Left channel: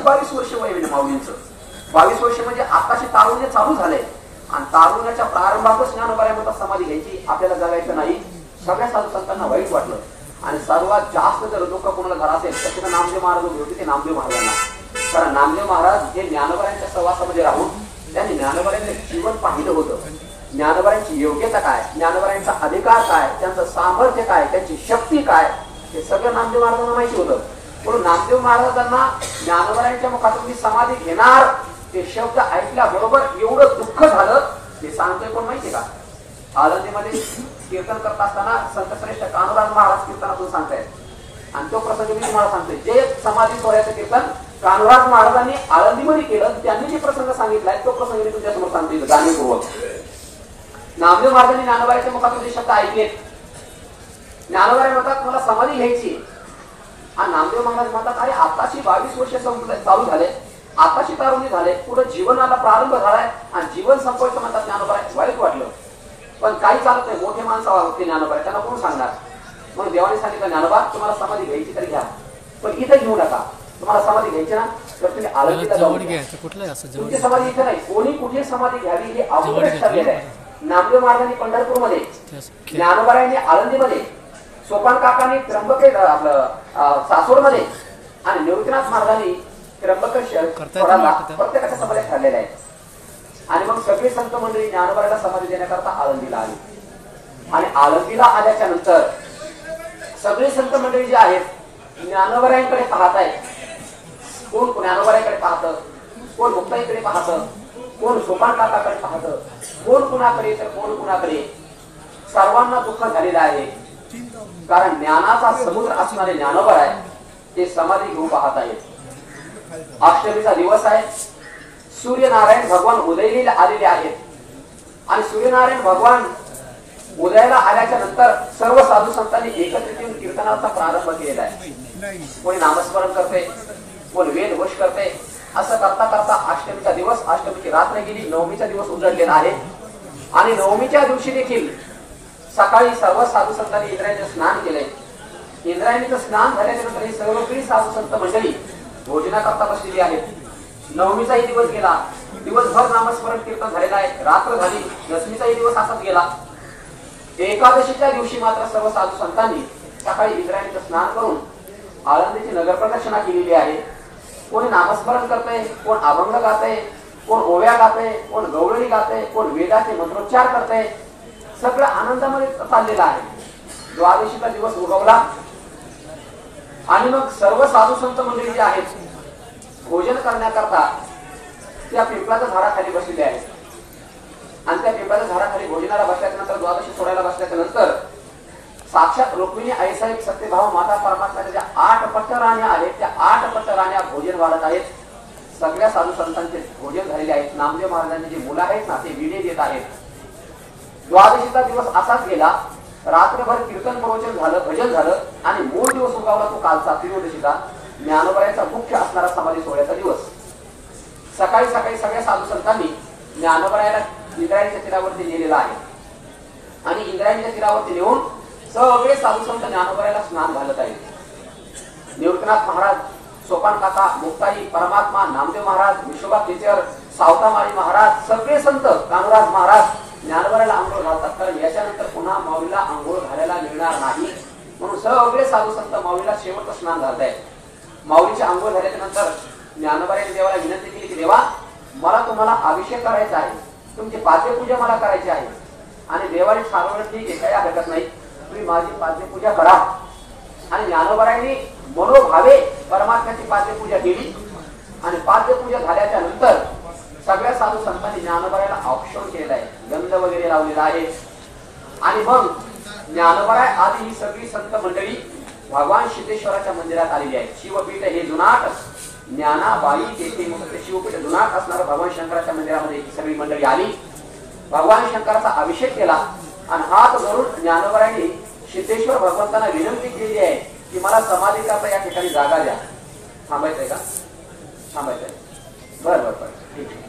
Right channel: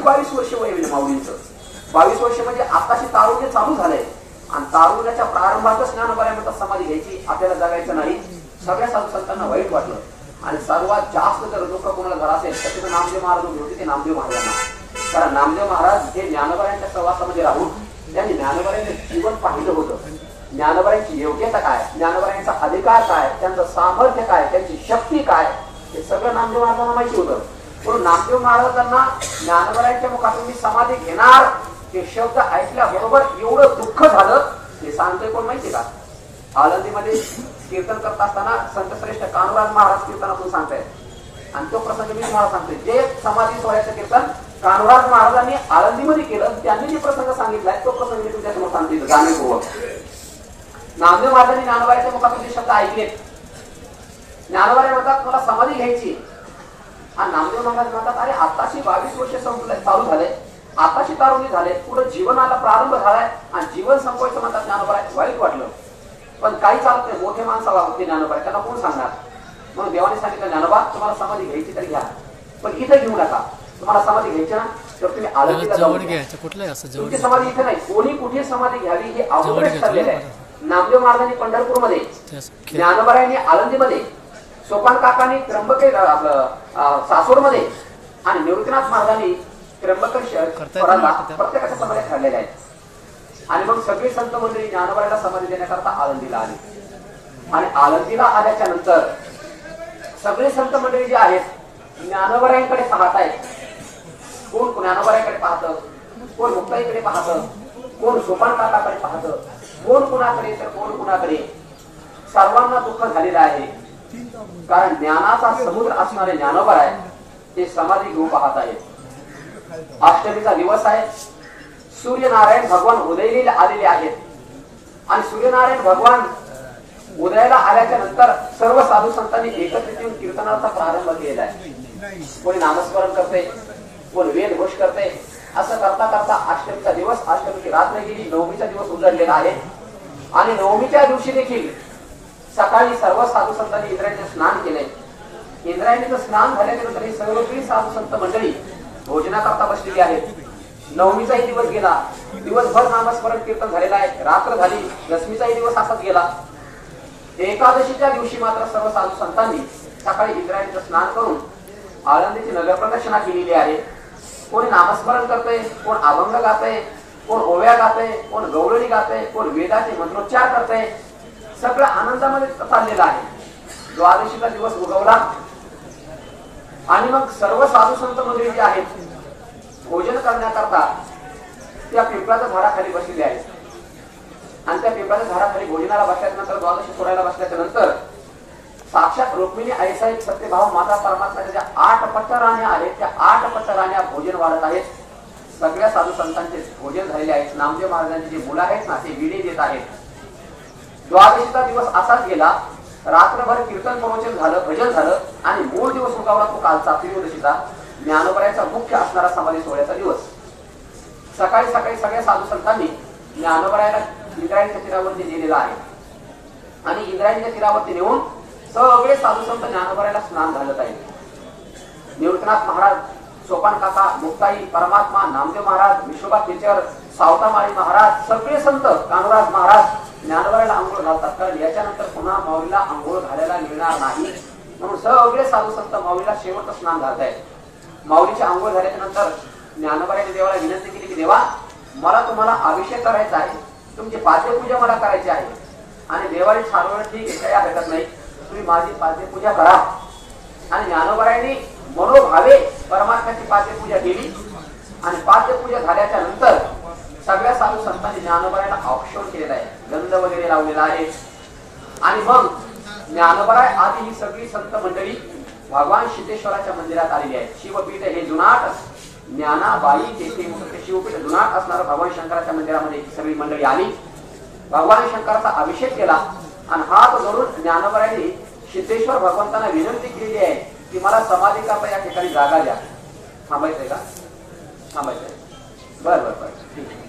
22 वर्ष वय होईल माऊलींचं. 22 वर्ष म्हणजे आताची तारुण्य चालू झालंय आणि तारुण्याच्या प्रारंभातच ज्ञानोबाराय म्हणतात समाधी घ्यायची, आपल्याला जगायचं नाही. सगळ्या साधू संतांना वाईट वाटलं आणि सर्वात जास्त जर दुःख कोणाला झालं असेल तर तिथं नामदेव महाराज उभे होते, ते नामदेव महाराजांना. कारण नामदेव महाराज हे ज्ञानोबारायांच्या सहवासामध्ये राहून त्यांनी ज्ञानोबारायांचं जीवन पाहिलं होतं. ज्ञानोबारायांची योग्यता काय, ज्ञानोबारायांचा अधिकार काय, त्यांचं सामर्थ्य काय, त्यांची शक्ती काय, हे सगळं नामदेव महाराजांना माहिती होतं. म्हणून नामदेव महाराजांना ज्ञानोबारायांच्या मुखातून मी समाधी घेणार ते शब्द ऐकल्याबरोबर एवढं दुःख झालं. हे सांगतोय कोण माहिती का? आळंदीमध्ये कीर्तन करत असताना संतश्रेष्ठ कान्होराज महाराज कीर्तनातून सांगतायत आणि तो प्रसंग मी तुम्हाला सांगतोय. जे समाधी सोहळ्याचं कीर्तन कान्होराज महाराजांनी आळंदीमध्ये केलं, त्यांनी जे प्रसंग सांगितलाय तो प्रसंग मी तुमच्या समोर सांगतो जाणीवपूर्वक. नामदेव महाराजांनी ज्ञानोबारायांच्या मुखातून जे शब्द ऐकलेत, ज्ञानोबाराय म्हणतात मला समाधी घ्यायची आणि नामदेव महाराज म्हणतात अरे आताशी 22 वर्ष चालू झाले, आताशी तारुणी झाले, पुढे जीवनाला प्रारंभ झालाय आणि जीवन संपवायचं म्हणतात ज्ञानोबाराय. वाईट वाटलं पण काही चालत नाही, मोठे माणसं होते ज्ञानोबाराय, त्यांना कोण सांगणार. म्हणून देवाने सांगितलं ज्ञानोबा तुम्हाला समाधी घ्यायची तरी घ्या, पण इथं घेऊ नका. तुम्हाला समाधी घ्यायची ना तर तुम्ही आळंदीला जाऊन तुमची समाधी इथे नाही, कोणी कुठे समाधी घ्यावी हे अगोदरच ठरलेलं आहे. नामदेव महाराजांनी पंढरपूरमध्ये, ज्ञानोबारायांनी आळंदीमध्ये, सोपान काकांनी त्र्यंबके आपलं सासवडमध्ये आणि निवृत्तीनाथ महाराजांनी त्र्यंबकेश्वराला प्रत्येकाच्या समाधी ठरलेल्या आहेत. आणि मग सगळी संत मंडळी ज्ञानोबारायला समाधी देण्याकरता आळंदीला आली आणि आळंदीला आल्याच्या नंतर सगळी संत मंडळी जी आहेत ज्ञानोबारायांकडे पाहत आहेत. कोण ज्ञानोबारायांकडे पाहतं, कोण मुक्ताईकडे पाहतं, कोण सोपान काकाकडे पाहतं, कोण कुणाकडे तर कोण कुणाकडे. सर्वांना दुःख झालेलं आहे कारण ज्ञानाचा समुद्र असणारे ज्ञानोबाराय ते समाधी घेऊन पाहत आहेत. अष्टमीचा दिवस आहे, सूर्यनारायण भगवान उदयाला आलेले आहेत आणि सूर्यनारायण भगवान उदयाला आल्याच्या नंतर सर्व साधू संतांनी एकत्रित येऊन कीर्तनाचा प्रारंभ केलेला आहे. कोणी नामस्मरण करते, कोण वेद घोष करते. असं करता करता अष्टमीचा दिवस, अष्टमीची रात्र गेली, नवमीचा दिवस उजळलेला आहे आणि नवमीच्या दिवशी देखील सकाळी सर्व साधू संतांनी इंद्रायणीचं स्नान केलंय. इंद्रायणीचं स्नान झाल्याच्या नंतर ही सर्वकळी साधू संत मंडळी भोजनाकरता बसलेली आहेत. नवमीचाही दिवस गेला, दिवसभर नामस्मरण कीर्तन झालेलं आहे, रात्र झाली, दशमीचाही दिवस असाच गेला. एकादशीच्या दिवशी मात्र सर्व साधू संतांनी सकाळी इंद्रायणीचं स्नान करून आळंदीची नगर प्रदक्षिणा केलेली आहे. कोणी नामस्मरण करते, कोण अभंग गाते, कोण ओव्या गाते, कोण गवळणी गाते, कोण वेदाचे मंत्रोच्चार करते. सगळं आनंदामध्ये चाललेलं आहे. द्वादशीचा दिवस उगवला आणि मग सर्व साधू संत मंडळी जी आहेत भोजन करण्याकरता त्या पिंपळाच्या झाडाखाली बसलेले आहेत आणि त्या पिंपळाच्या झाडाखाली भोजनाला बसल्याच्या नंतर, द्वादशी सोडायला बसल्याच्या नंतर साक्षात रुक्मिणी आईसाहेब सत्यभाव माता परमात्म्याच्या ज्या 8 पट्ट राण्या आहेत त्या 8 पट्ट राण्या भोजन वाढत आहेत. सगळ्या साधू संतांचे भोजन झालेले आहेत. नामदेव महाराजांची जी मुलं आहेत ना ते विडे देत आहेत. द्वादशीचा दिवस असाच गेला, रात्रभर कीर्तन प्रवचन झालं, भजन झालं आणि मूळ दिवस उगवला तो कालचा त्रयोदशीचा ज्ञानोबारायांचा मुख्य असणारा समाधी सोहळ्याचा दिवस. सकाळी सकाळी सगळ्या साधू संतांनी ज्ञानोबारायाला इंद्रायणीच्या तीरावरती नेलेला आहे आणि इंद्रायणीच्या तीरावरती नेऊन सगळे साधू संत ज्ञानोबारायाला स्नान घालत आहेत. निवृत्तीनाथ महाराज, सोपान काका, मुक्ताई, परमात्मा, नामदेव महाराज, विश्वभा टीचर, सावतामाळी महाराज, सगळे संत, कान्होराज महाराज ज्ञानोबारायाला आंघोळ घालतात. कारण याच्यानंतर पुन्हा माऊलीला आंघोळ घालायला मिळणार नाही म्हणून सगळे साधू संत माऊलीला शेवटचं स्नान घालतायत. माऊलीची आंघोळ झाल्याच्या नंतर ज्ञानोबारायांनी देवाला विनंती केली की देवा मला तुम्हाला अभिषेक करायचा आहे, तुमची पाद्यपूजा मला करायची आहे. आणि देवाने ठरवलं ठीक आहे, काही हरकत नाही, तुम्ही माझी पाद्यपूजा करा. आणि ज्ञानोबारायांनी मनोभावे परमात्म्याची पाद्यपूजा केली आणि पाद्यपूजा झाल्याच्या नंतर सगळ्या साधू संतांनी ज्ञानोबारायाला औक्षण केलेला आहे, गंध वगैरे लावलेला आहे. आणि मग ज्ञानोबाराय आदी ही सगळी संत मंडळी भगवान सिद्धेश्वराच्या मंदिरात आलेली आहे. शिवपीठ हे जुनाट ज्ञानाबाई तेथे मुक्त शिवपीठ जुनाट असणारं भगवान शंकराच्या मंदिरामध्ये सगळी मंडळी आली. भगवान शंकराचा अभिषेक केला आणि हात जोडून ज्ञानोबारायांनी सिद्धेश्वर भगवंतांना विनंती केली आहे की मला समाधी करता या ठिकाणी जागा द्या. थांबायचंय का? थांबायचंय. बरं बरं बरं ठीक आहे.